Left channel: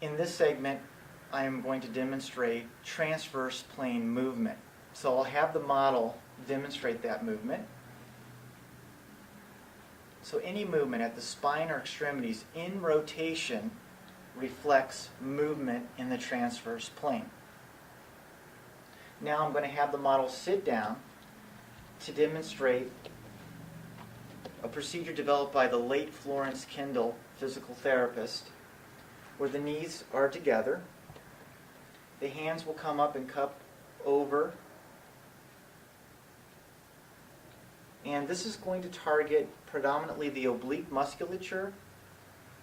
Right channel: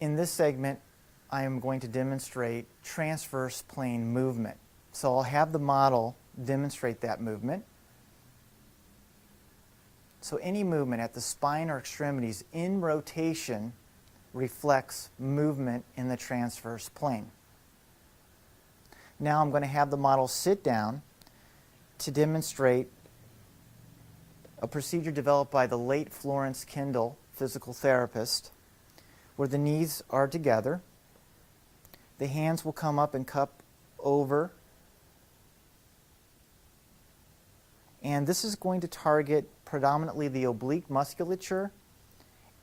In this segment, I am going to demonstrate transverse plane movement. So I'll have the model demonstrate that movement. So any movement at the spine or extremities in rotation reflects movement in the transverse plane. Now I'm going to have the model sit down to demonstrate a procedure developed by the late Florence Kendall, physical therapist, where the knees are together. The hands will come up and cup over. And this is going to target predominantly the oblique musculature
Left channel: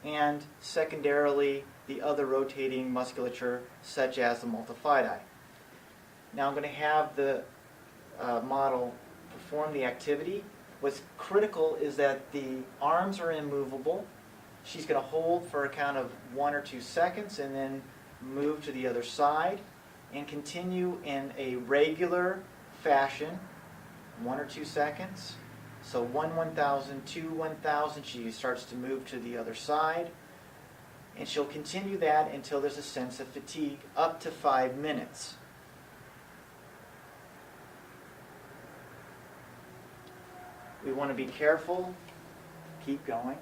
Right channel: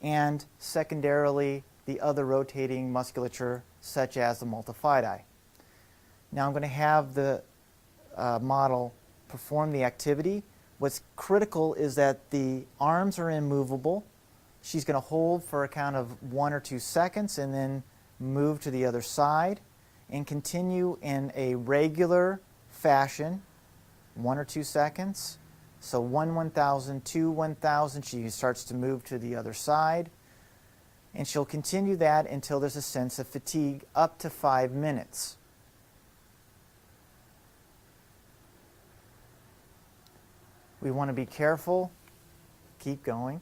and secondarily the other rotating musculature such as the multifidi. Now I'm going to have the model perform the activity. What's critical is that the arms are immovable. She's going to hold for a count of 1 or 2 seconds and then move to the other side and continue in a regular fashion, 1 or 2 seconds. So 1,000, 2, 1,000, she starts to move to the other side. And she'll continue that until there's a sense of fatigue, up to 5 minutes. We want to be careful, keep going,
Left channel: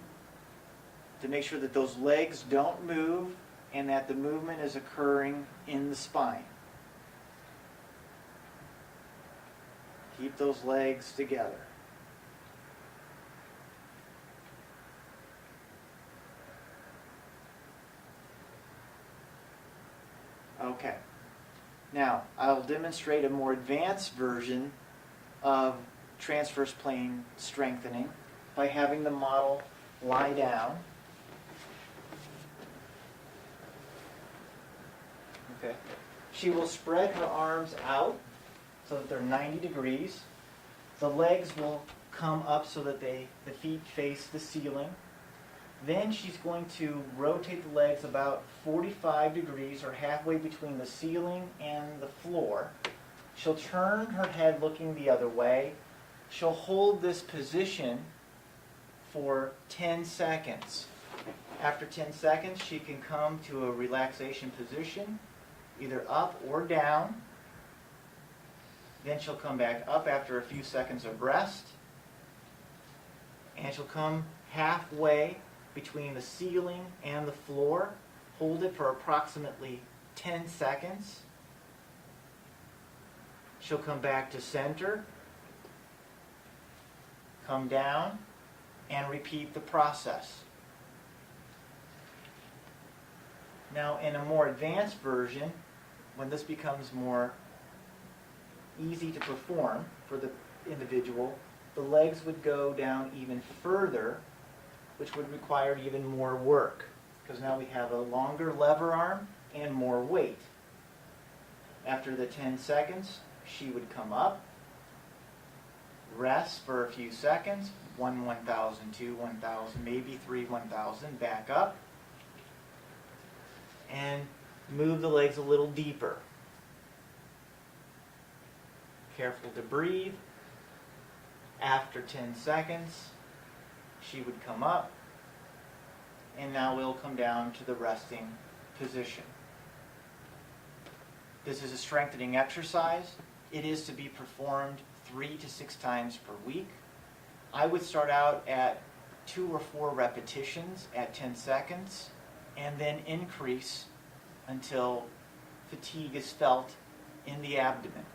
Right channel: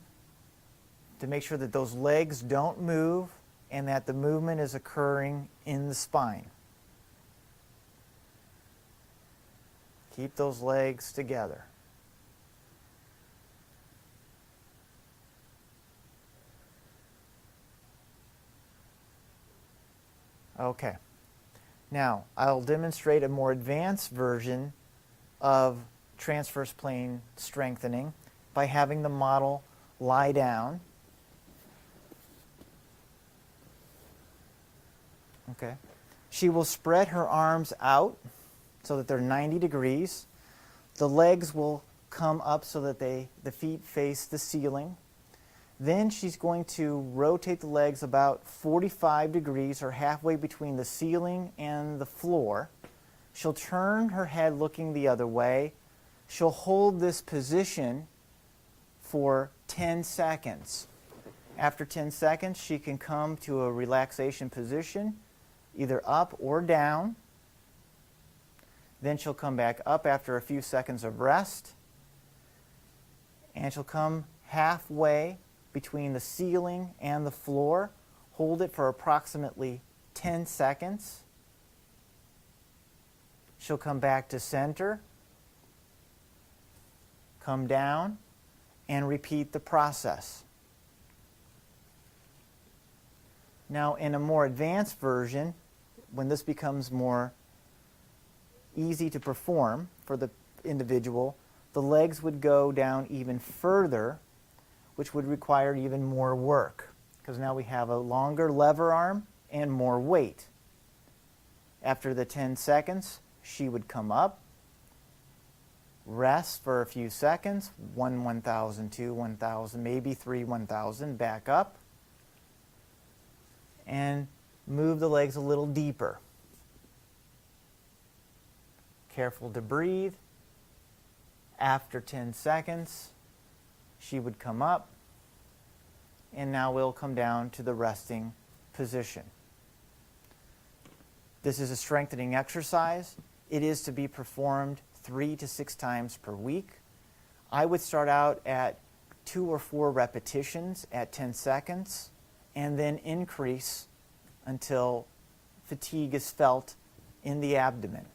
to make sure that those legs don't move and that the movement is occurring in the spine. Keep those legs together. Okay. Now, I'll demonstrate a more advanced version of transverse plane strengthening by having the model lie down. Okay. She will spread her arms out so that they're 90 degrees. The legs will come up so that the feet face the ceiling. Then she's going to rotate the legs about 45 degrees or halfway between the ceiling and the floor. She'll turn her head looking the other way. She'll hold this position for 10 seconds. After 10 seconds, she can come to a relaxation position, either up or down. Then she'll come back up after a few seconds of rest. And she'll come halfway between the ceiling and the floor. Hold it for approximately 10 seconds. She'll come back to center, come down, and repeat the process. Now, in a more advanced version, when this becomes more easy to perform for the individual, the legs would go down even further, which would require even more work, because now we have a longer lever arm and more weight. After the 10 seconds, she would come up, rest for a few seconds, 1, 1,000, 2, 1,000, maybe 3, 1,000, back up, and move the legs a little deeper. Careful to breathe. After 10 seconds, she would come up, and now we'll come down to the resting position. This is a strengthening exercise. It is to be performed 3 to 6 times per week. I would start out at 2 or 4 repetitions at 10 seconds, and then increase until fatigue is felt in the abdomen.